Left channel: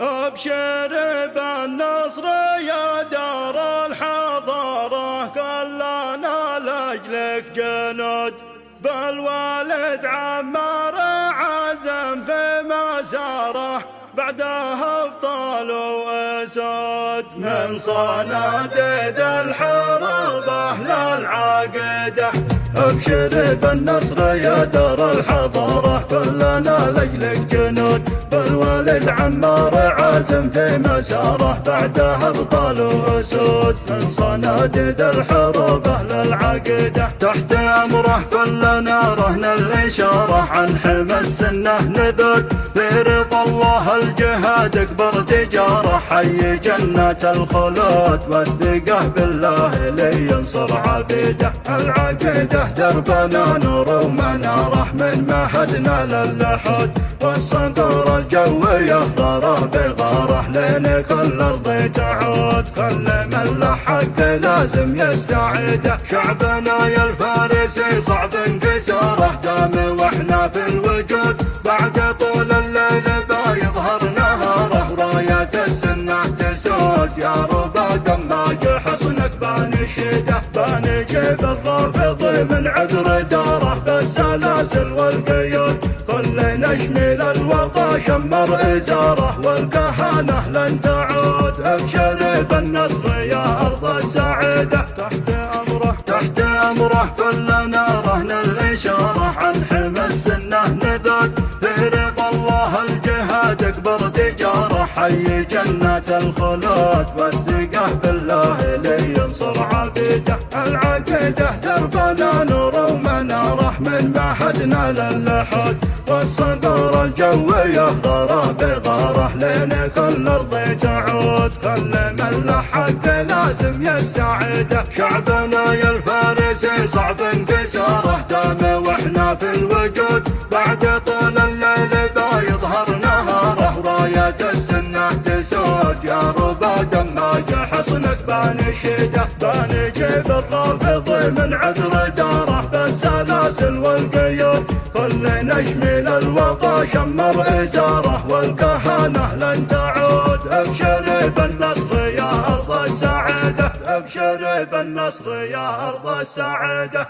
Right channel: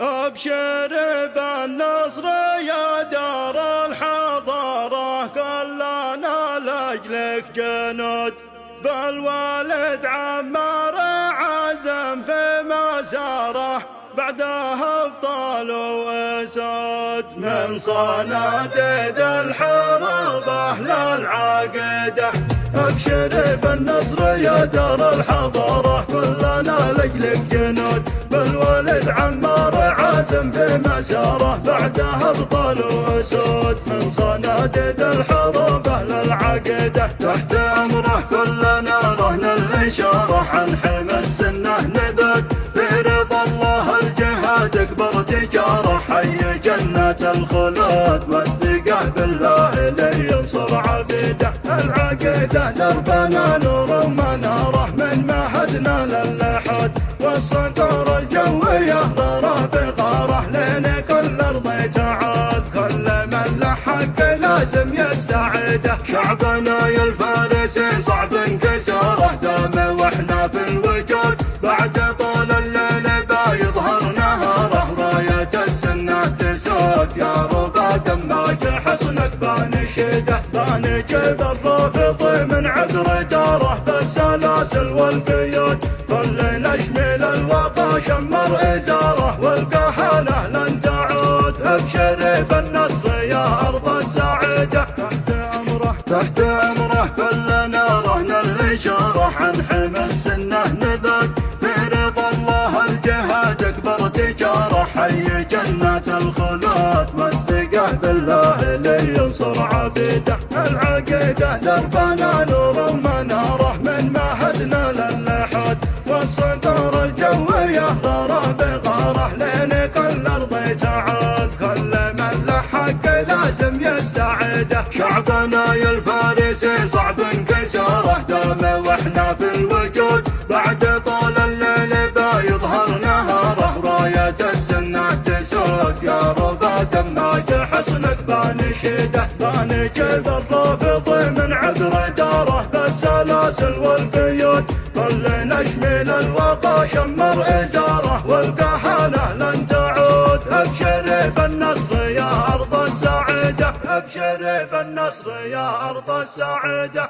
ابشر بالنصر يا دار الحضارة، كلنا لاجلك جنود، بالوالد عمار عزم في مساره، بعدها ابطال واسود من صناديد الحرب اهل العقيده. ابشر بالنصر يا دار الحضاره، كلنا لاجلك جنود، بالوالد عمار عازم في مساره، بعدها ابطال واسود من صناديد الحرب اهل العقيده. تحت امره كلنا رهن الاشاره، عن حمى السنه نذود في رضا الله الجهاد اكبر تجاره، حي جنة الخلود والثقة بالله لينصر عبيده. العقيدة دربنا نور ومناره، من معهدنا للحد والصقور الجوية ضرب بغاره، لين كل ارض تعود كل من له حق لازم يستعيده. شعبنا يا الفارسي صعب انكساره، دام واحنا في الوجود بعد طول الليل بيظهر نهاره، راية السنة تسود يا ربا دماج حصنك بنشده، بنجيب الرافض من عذر داره بالسلاسل والقيود، كل نشمل الوطا شمر ازاره، والكهنة لن تعود. ابشر بالنصر يا ارض السعيده، تحت امره كلنا رهن الاشاره، عن حمى السنه نذود في رضا الله الجهاد اكبر تجاره، حي جنة الخلود والثقة بالله لينصر عبيده. العقيده دربنا نور ومناره، من معهدنا للحد والصقور الجويه ضرب بغاره، لين كل ارض تعود كل من له حق لازم يستعيده. شعبنا يا الفارسي صعب انكساره، دام واحنا في الوجود بعد طول الليل بيظهر نهاره، راية السنة تسود يا ربا دماج حصنك بنشده، بنجيب الرافض من عذر داره بالسلاسل والقيود، كل نشمل الوطا شمر ازاره، والكهنة لن تعود. ابشر بالنصر يا ارض السعيده، ابشر بالنصر يا ارض السعيده.